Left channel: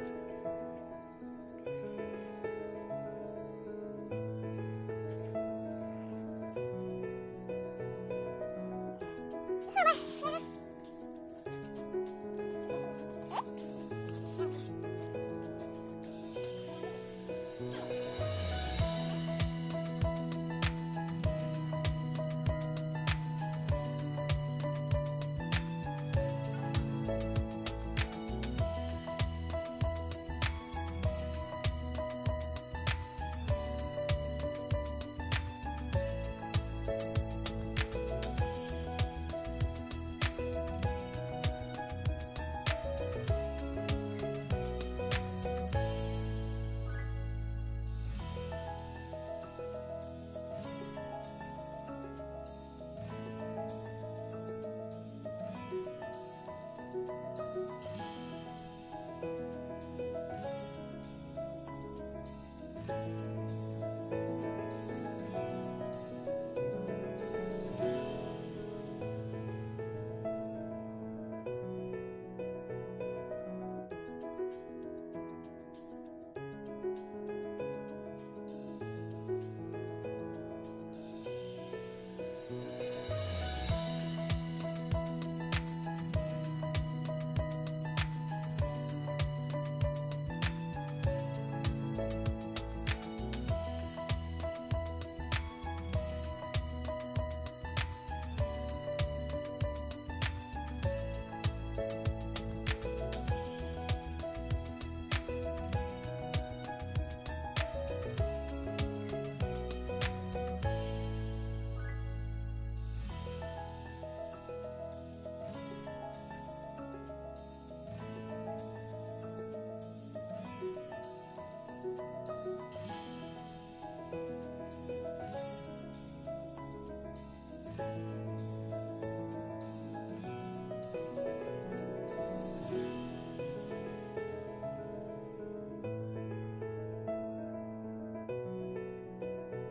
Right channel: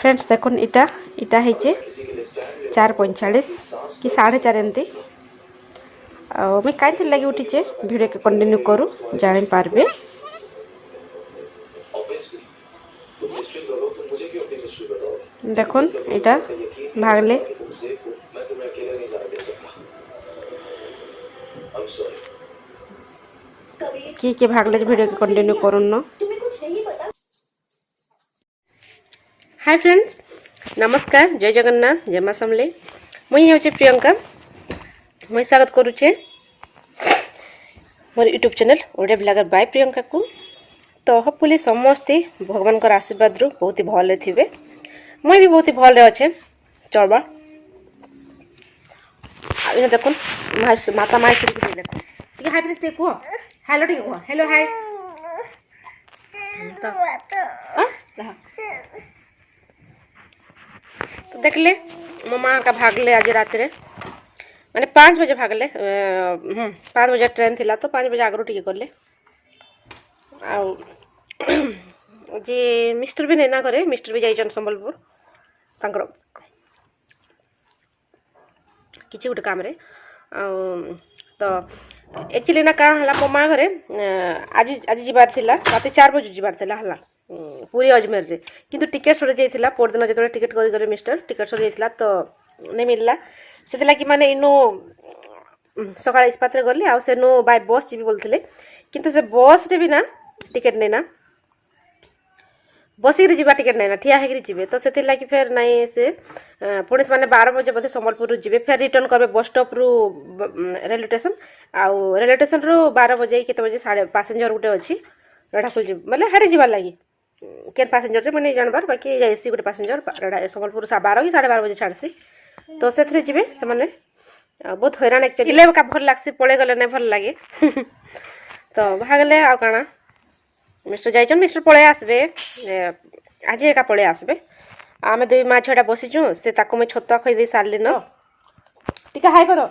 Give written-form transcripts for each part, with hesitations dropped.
Friends देखो इटा इटा है 4:45 कि 4:30 एमती मुझे कहीं लगे उठीचे भिडियो के कंटिन्यू करूँ जानी पार्बे। देखो इटा भागले कि भागले भिडियो के कंटिन्यू करूँ न। हाय फ्रेंड्स नमस्कार जय जगन्नाथ जय मां समले मुझे हूँ प्रियंका मुझे स्वागत करुचे मोर YouTube channel Odia blogger by Priyanka को। तो होपफुली समस्ते भगवान का आशीर्वाद रु बहुत ही भले थे मुई भी बहुत ही भले अच्छे चलबा। देखो माता माई देखो हाय फ्रेंड्स टे कह हेलो टे कह हेलो हाय तो देखले मो माँ का भागले आज रात रे माने 5 बजे भागले 5 बजे ट्रेन थिला तो 5 बजे आगरू टिके करले जे मिस्टर भी नैना करे मिस्टर भी जाइछन संबलपुर तांकर किछि गुटे काम रे तो एक्चुअली ना काण हला मो माँ घरे आज आज जिबार थिला रात 4 बजे जिबार थिला हला पूरी अजमेर रे किंतु टिकट सर जाइथिला पर दिन जतरे टिकट करी करे मिस्टर टिकट सर जाइथिला तो नहीं मिलला से कि माने इनो सकाळ इस्पात रे गली आ सेनो बाय बस जीबी बोलथिले किंतु से बस रे भी ना टिकट नहीं ना बसी रे जीवा टिकट नहीं ना ठिया हेकरी जीवे तो सेति लागि फेर नहीं से पुलिस माने 12 बजे बधे संबलपुर जीवे फेर रिटर्न करबे बस स्टॉप रु रेलवे स्टेशन आ रेलवे स्टेशन रु 12 बजे केते बजे साढ़े पैसेंजर गुटे अछि रडाफुल जी मतलब हाडे जीवा लागि केन पैसेंजर रे मने जानबार बाकी एसी गुटे पैसेंजर संबलपुर 12 कि 12:30 बजे छाड़सी तो से जीवे से माने बहुत हैरान एक्चुअली ले का भल लागसी पड़े गले नहीं भल लागे तो भागले आ काना मिस्टर जाइछन मिस्टर पळे आसबे आज एका पळे आसबे आमे दुई मा छडा बसिछु से ताको मैं छत्ता खई दे सारले न टिका हाय करो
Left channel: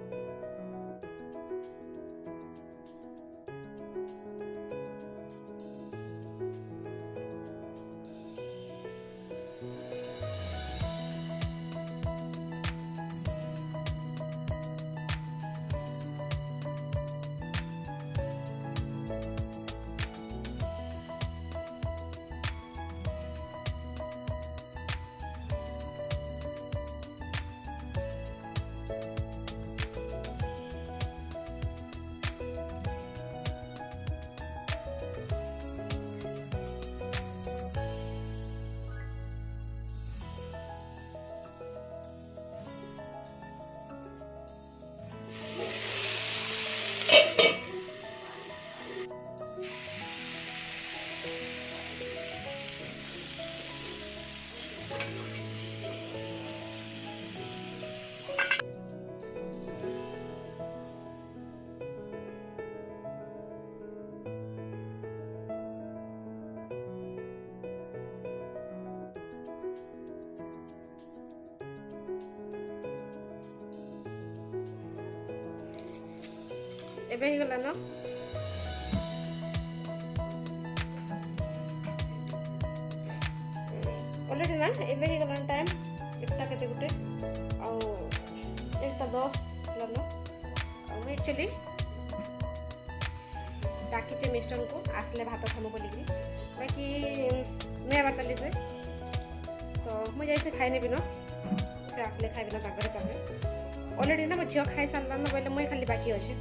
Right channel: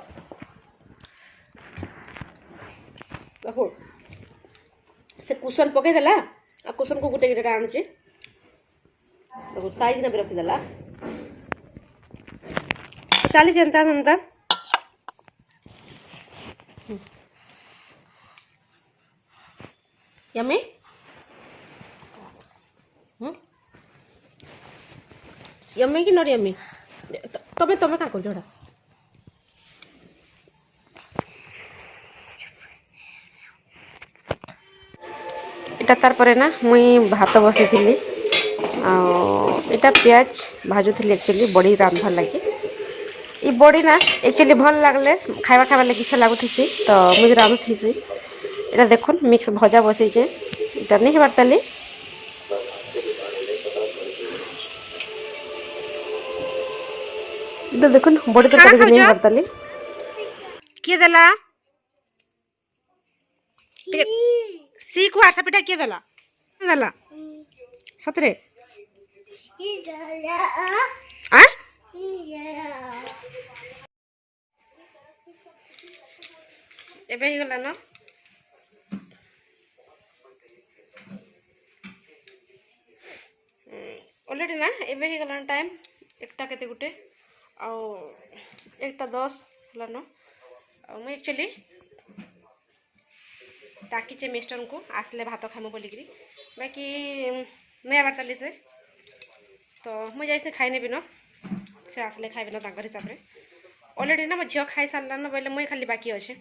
देखो से कुशन पके देला आ कुशन को गुटे गिटा आनछि देखो साइज ना रख देला चाली जनता अंदर यम्मी यम्मी कि नॉट यम्मी तबे तबे का कर जोड़ा एटा तार परे ना मुई भात बसी थिली आ एटा प्याज भाजू थिली एक्चुअली बड़ी रांधवा लगी ई बड़ी ना एक्चुअली भल लागले खाइबा खाइबा लगी इच्छा लागुथि तो मुझे रांधुथि एटा देखुन मिक्स भजा बसैछे एटा नहीं हेबार ताली इधर देखुन बड़ी तरकारी नहीं हेबार ताली के देला सीख व्हाट्सएप पे के देला देला सतरे आ एबे ही गला न ऑलरेडी ना एबे ही गला टाइम एकटा केते गुटे आ एकटा 10 लन आ एक्चुअली डाकिचे मिस्टर को आसले भात खामो बोलिकरी बाकी नहीं आबार ताली से तो मुझे जैसे खाई नेबी न से आसले खाइबे ना ताकर हिसाब रे ऑलरेडी ना मो झियो खाई सारला न बोले मुई खाली बाकी अछि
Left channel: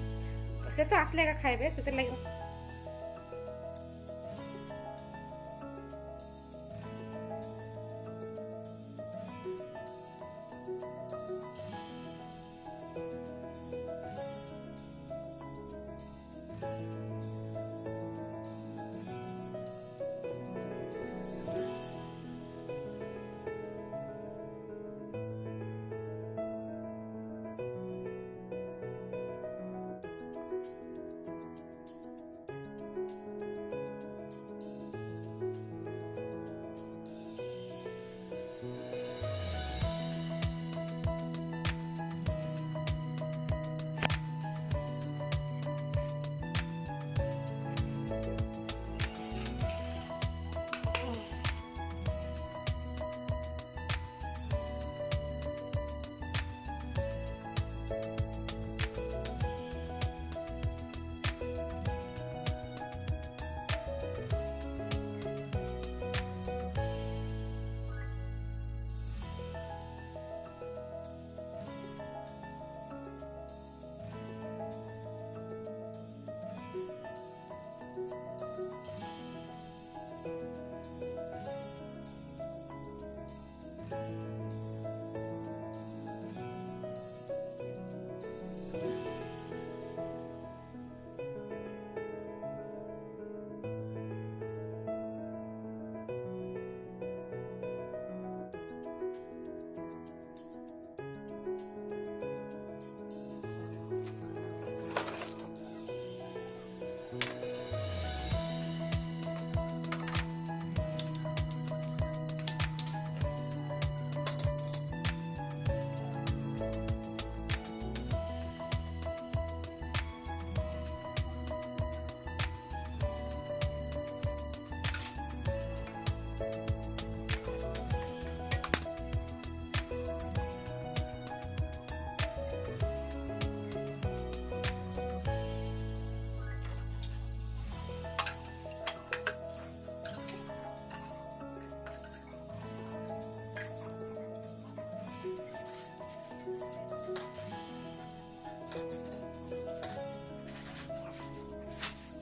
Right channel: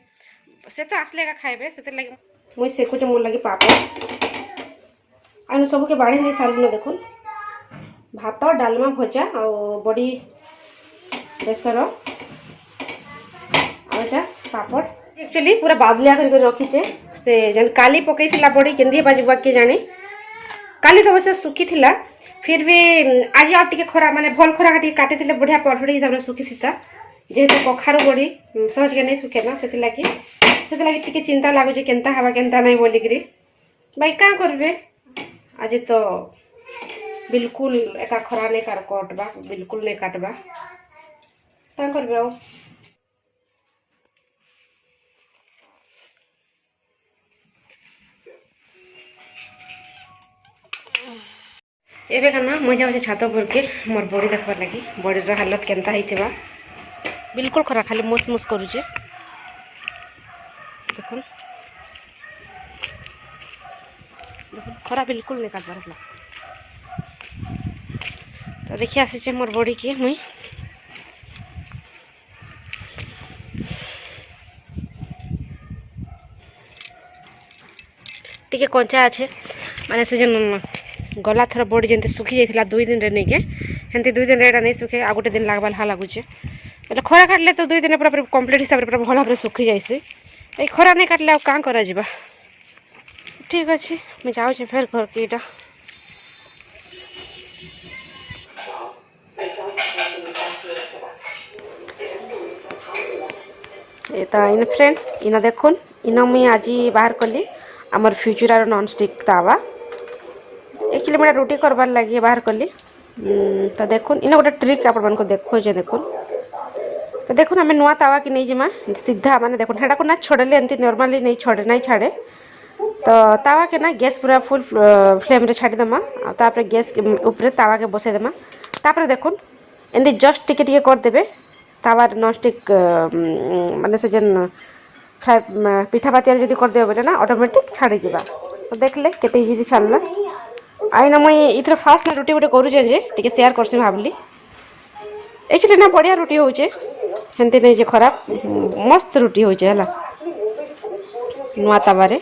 से तो आसले का खाइबे से लगे मुई सेकुचे मोर लगी पापड़ आनु सब के बाड़ी नहीं सारल न देखो भात डालमा भजा और बड़ी बेसर आटा पापड़ एक्चुअली पूरा बादलिया कर रखीचे से जन काली पकई थिला बड़ी केंदी बाजबा के जाने काली तो वैसे सुखी थिला फिर भी आज आ टिके खरा माने भल खरा काटी काटी थिले बढ़िया परफेक्ट हिसाब रे सुखी थिता जेहेतु कखारू बड़ी सहज के नहीं सुखे ना से लगी टिके चिंता लागु जे केनता हवा केनता नहीं बोली करी भाई का करबे आज तो बिल्कुल एका खरा नहीं कार कटबा बिल्कुल नहीं काटबा का करबे आ एबे का ना मुझे जाऊँ छात पर के मोर बड़ी देखबार लगी बड़ीर हालत केनता होइतिबा बिल्कुल खरा खाली मुस मुस करूचे देखुन खरा बिल्कुल निकाल पारला तो देखिए आसी मोर बड़ी के मुई टिके कंचा अच्छे माने से जन गला थर बड़ी जंती सुखी जाइथिला 2 दिन रे नहीं के हेंती 2 दिन रे एटा नहीं सुखे आ गोटे दिन लागबाल हा लागुचे એટલે ખરા કાટલે તો 2 દિન પૂરા કમ્પ્લીટ હિસાବରେ પૂરા ભલા ભાବରେ સુખી જાયસે એ ખરા નહીં કાટલે ଆଉ કાં କରାଯିବା ଠିକ୍ ଅଛି ମୁଁ ଯାଉଛି ଫେର ଘରକେ ଏଇଟା ଏ ତ ଇନ ଫ୍ରେଣ୍ଡ ଇନ ଦେଖୁନ୍ ଇନ ମୁଇଁ ଆଜି ବାହାର କଲି ଆମର ଫ୍ୟୁଚରାର ନନ୍ ଷ୍ଟିକ୍ ତାୱା एक्चुअली मैं रोटी करबार लगी बाहर कली तो देखुन इन गोटे ट्रिक आपण देखोजे देखुन तो देखुन आम नुआ तावा की नहीं जिमा सीधा माने देखुन हेटा को ना छोड़ले एमती नॉर्मली नहीं छोड़े नहीं छाड़े तो तावा के ना गैस पूरा फुल फ्लेम रे छाड़ी देमा तापर गैस ऊपर तावा के बसे देमा तापर देखुन एमती जस्ट टिके टिके कर देबे तावा नॉन स्टिक माने से जन पिठा पातिया जदी कर देबे बेटा ना ऑटोमेटिक छाड़ी जिबा तो देखले केते इजी छाड़ला आईना मुई इथर फास्ट ना रोटी गोटे करूचे जे टिके शेयर करसी भाबली एक्चुअली ना बढ़िया रोटी होचे हेंती नहीं जे खराब मस्त रोटी होचे हला नुआ तावारे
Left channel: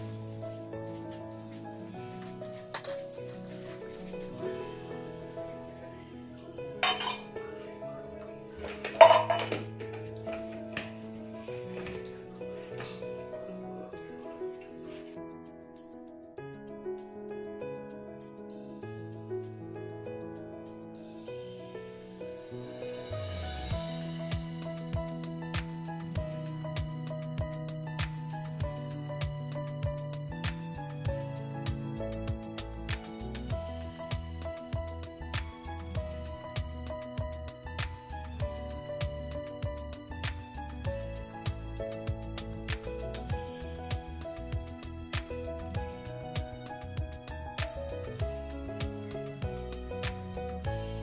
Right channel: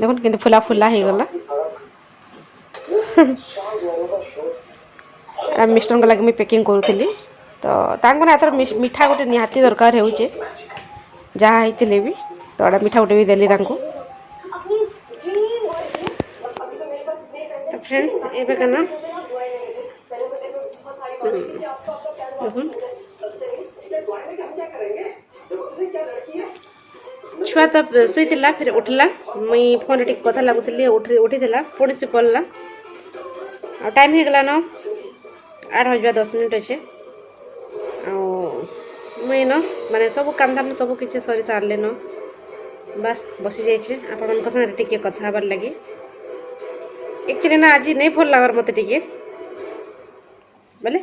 देखुन किंतु फुला फुला हे गला आ मिस्टर को लगे मी पैकिंग करूथली तो तांको ना एथर मिठा गोटे निहाती दरकार हेउचे जहाँ हेतिले भी तो आड़ा मिठा गोटे भी देली तांको फ्रेंड्स एबे कना देखुन छुआ तब सुईला फिर उठला मुई फोन टिक कथा लागुथली उठीला पुणी से पड़ला आ टाइम हो गला न 8:10 अच्छे मुई न माने सब काम धाम सब किसी सरी सारले न बस बसी जाइए आपण संगे टिके कथा हबार लगी एक्चुअली ना आज नहीं भल लगर मत टिके बोले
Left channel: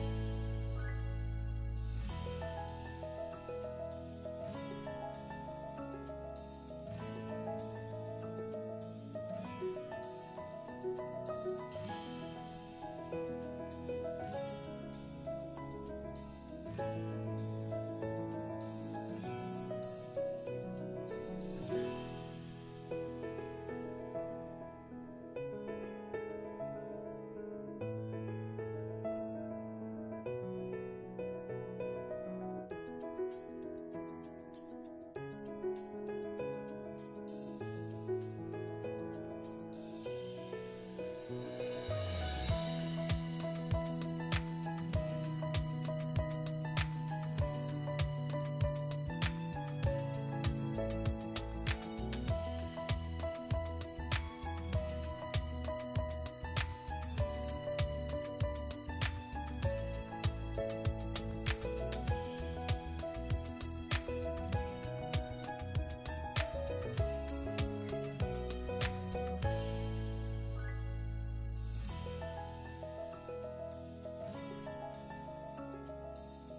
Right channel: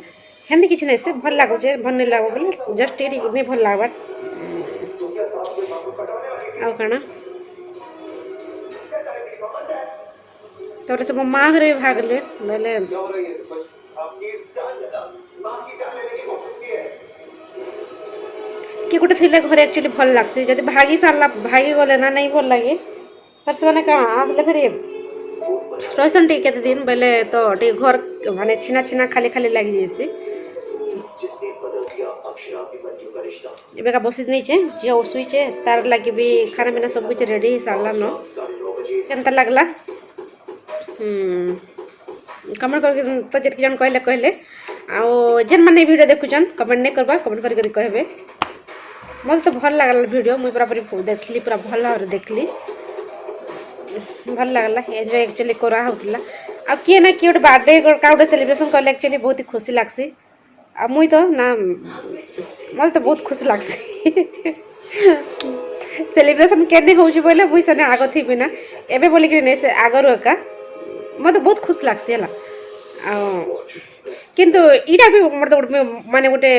हेंदी किसी नहीं से भल लगुचे भल नहीं लगे बोले जस्ट टिके नहीं भल लगबार आउ काना सब माँ घरे भागले बोले कि गोटे थे घरे एक्चुअली भल लगसी जब भागी सारा भागी गले ना नहीं भल लगे फिर से कण आसले फिर रहीसन टे केते दिन बेले तो टे घर माने छिना छिना खाली खाली लगी जैसे एबे का बसी नहीं छे जे सुई छे तार लगी भी खाना पीना सब कुछ रेडी सारला न केनता लागला कमेंट करके तो जेत जन कहले कहले आ जेन माने वीडियो देखुचन कमेंट नहीं करबा कमेंट करके कहबे मत तो भल लागल वीडियो मुई पूरा देखली पूरा भल और देखली भल लगला एंजॉय एक्चुअली करा होतला आ किए ना किए बर्थडे का गोटे सेलिब्रेशन करले एक्चुअली बहुत ही खुशी लागसी आ मुई तो ना मत तो बहुत खुशी लागसी सेलिब्रेशन केने होउची बोले मुई सने आगो थी बिना एबे बोली कि नहीं से आगर एका मत बहुत खुशी लागसी हला आ किंतु इटा भी मतलब माने गोटे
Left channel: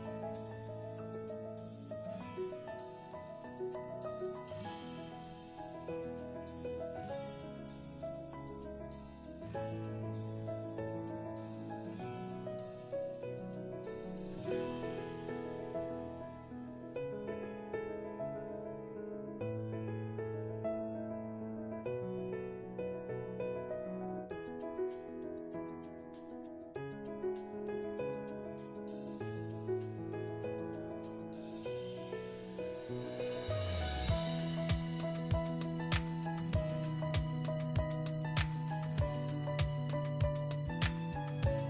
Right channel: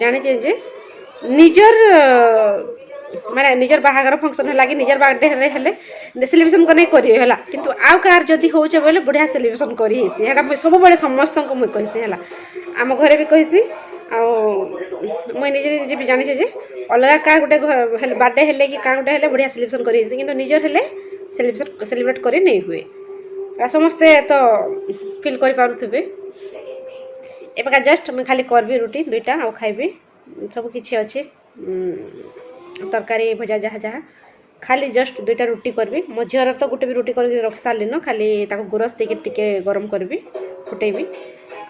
जानि जे निजर माने निजर बाहागर फंक्शन है लगी निजर बर्थडे हेले सेलिब्रेशन को नहीं करी है किंतु आउ कार जदि होचे बोले बढ़िया सेलिब्रेशन करी हेसी हेटा सब बड़े समस्त को मुई कहिसी हला आम घरे भी कहिसी आ मुई निजे निजे भी जानि जे अलगा कार गोटे बर्थडे हेले कि का गोटे हेले बढ़िया सेलिब्रेशन करी हेसी किंतु निजर हेले सेलिब्रेट करी नहीं हुए आ समस्ते तो फील करि पारुथबे एबका जस्ट मुई खाली करबी रोटी दुईटा आ खाइबी सब किछि अछि तरकारी भजा जहाँ जहाँ खाली जस्ट दुईटा रोटी करबी मो झीर तो गोटे भी रोटी करके रखी सारे न खाली ताको गुरस देके टिके गरम करबी फुटेबी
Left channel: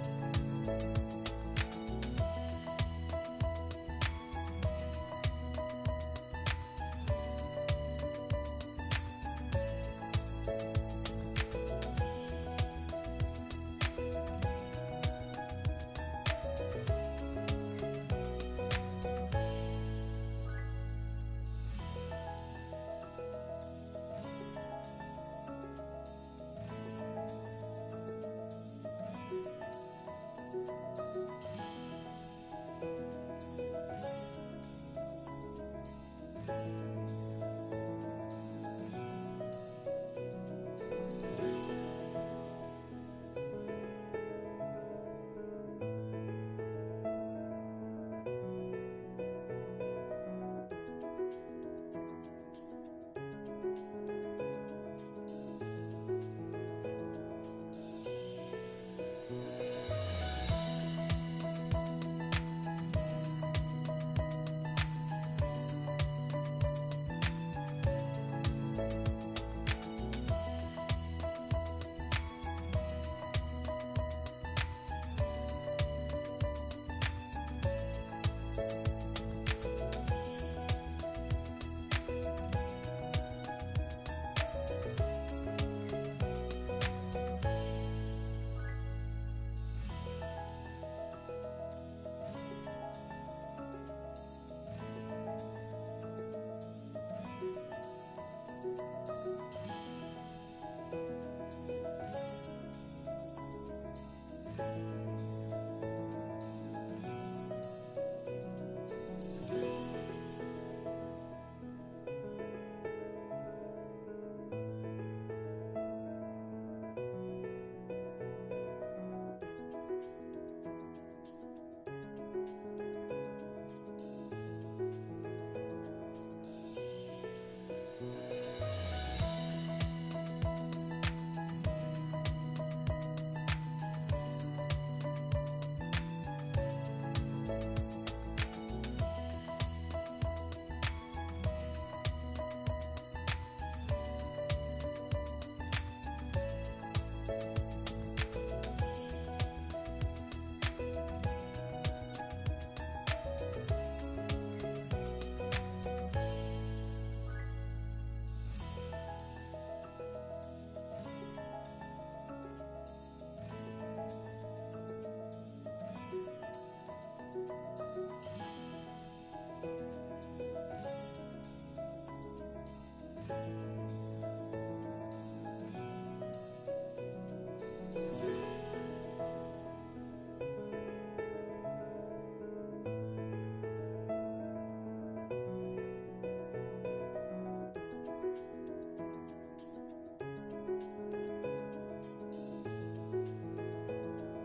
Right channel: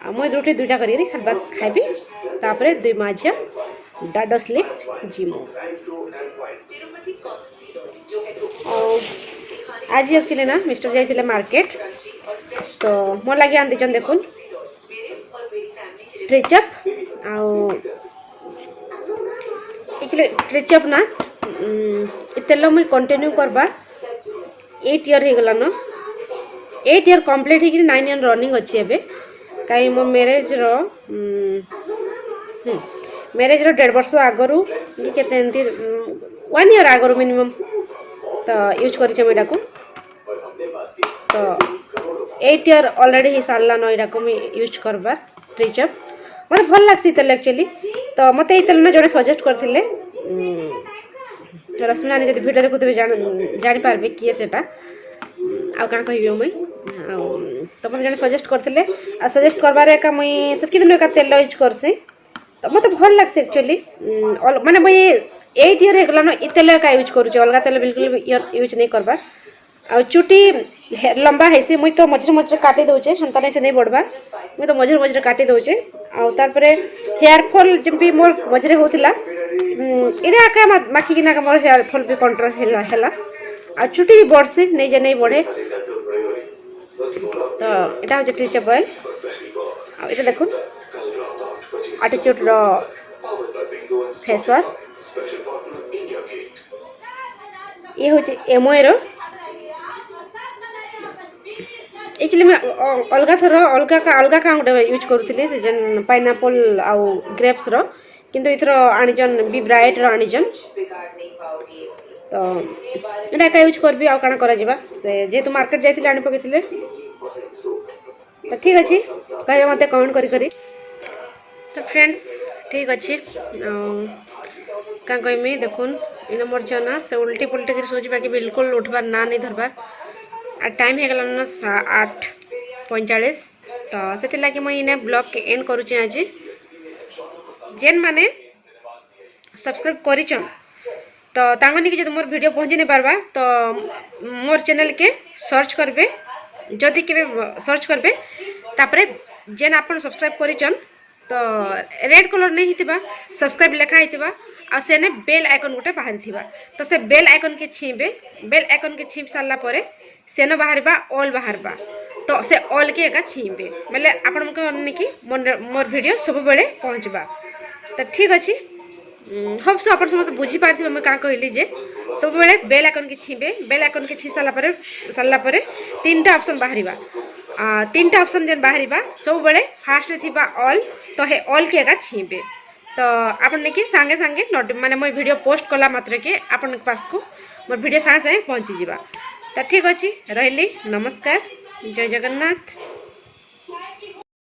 आ मुई रोटी दुईटा करी खाली बस खाइबी तापरे दुई माँ झील डाड स्लीप जिमु आज एक्चुअली ना मिस्टर जाइथिले मार्केट तो मोर लगे आन दिचन देखुन ट्रिचअप आ ट्रिचअप ना तेल मुई कंटिन्यू करबा 8 ईयर हो गला न 8 ईयर कंप्लीट हो 9 ईयर रनिंग अच्छी एबे कहीं मो मैरेज रो मैरेज रो 1.5 वर्ष आगरू के 1 ईयर आगरू मिनिमम तो यूज कर मुझा को तो 8 ईयर ऑलरेडी ही सारा न यहाँ को यूज करबार ट्रिचअप मत भल लग्सी तेल एक्चुअली तो मत ये तेल ना जो सजेस्ट करते रश्मि नानी जब भिडियो देखुवे जापारे किए से आउ कण कह मुई तो मत जन सजेस्ट करते सजेस्ट करबारे एका मुई से दिन एका तेल यूज करसी तो मत भल लग्सी एक्चुअली माने मुई 8 ईयर हो गला तेल एका यूज करुचे अलग तेल बिल्कुल यूज नहीं करबार आ चुटी लंबा है मुई तो मझे मझे काटी दौचे हेन्ता नहीं से नहीं बढ़वा मुई तो मझे मझे काटी दौचे आउे हेयर फॉल जमी मोर मझे होता इटा आका माखिकिना मोर हेयर फॉल भी कंट्रोल है आ चुटी भी बढ़सी नहीं जे नहीं बढ़े तो यहाँ हूँ ट्रिचअप ऑयल आटा देखो एटीट्यूड रो फेस वाश ये हूँ एमओए रो एक्चुअली मैं अलग थर अलग क्या गोटे यूज करूँ से पाइनापल आउ ग्रेप्स रो किंतु इथर आनिजन बी ब्राइट रो आनिजन तो यहाँ एका यूज करबी आउ काना करा जिबा से जेतु मार्केट जाइथिले आनि पकेथिले तो ठीक अच्छे कहे मत कमेंट करी तो फ्रेंड्स ठीक अच्छे क्या कहमी देखुन इन मोर जना से उल्टी पुल्टी कर सोच बाकी बिल्कुल उठबार ना नहीं धरबार आ टाइम हो गला 8:45 तो से लगे मुझे इन्हें ब्लॉग के एंड करुचे आज जेन माने सब्सक्राइब करिचन तो तांगनी के जब मोर वीडियो पहुँची नहीं पारबा तो मोर चैनल के सर्च करबे जदि के सर्च करबे तापरे जेन आपन सब्सक्राइब करिचन तो रेड कलर नहीं हितिबा सब्सक्राइब लिखा हितिबा आ सेने बेल आइकन गोटे बाहरी थिबा तो से बेल आइकन के छीबे बेल आइकन के छीप सारला परे सेन बाहरबा ऑल बाहरबा तो से ऑल के एका छीबे मतलब आपण कि मोर वीडियो सब बेले पहुँचबा तो ठीक अच्छे हम सो आप समस्त बुझी पार्थे मैं क्या कहली जे सब बेले बेल आइकन के छीबे बेल आइकन के छी सारा परे 3टा ऑप्शन बाहरिबा 3टा ऑप्शन जेन बाहरिबा सब बेले फास्ट थिबा ऑल तो हे ऑल के एका छीबे तो आपन कि सांगे सांगे माने मोर वीडियो पोस्ट कला मात्र के आपन पास को मोर वीडियो सांगे सांगे पहुँची जावा तो ठीक अच्छे रही नमस्कार जय जगन्नाथ।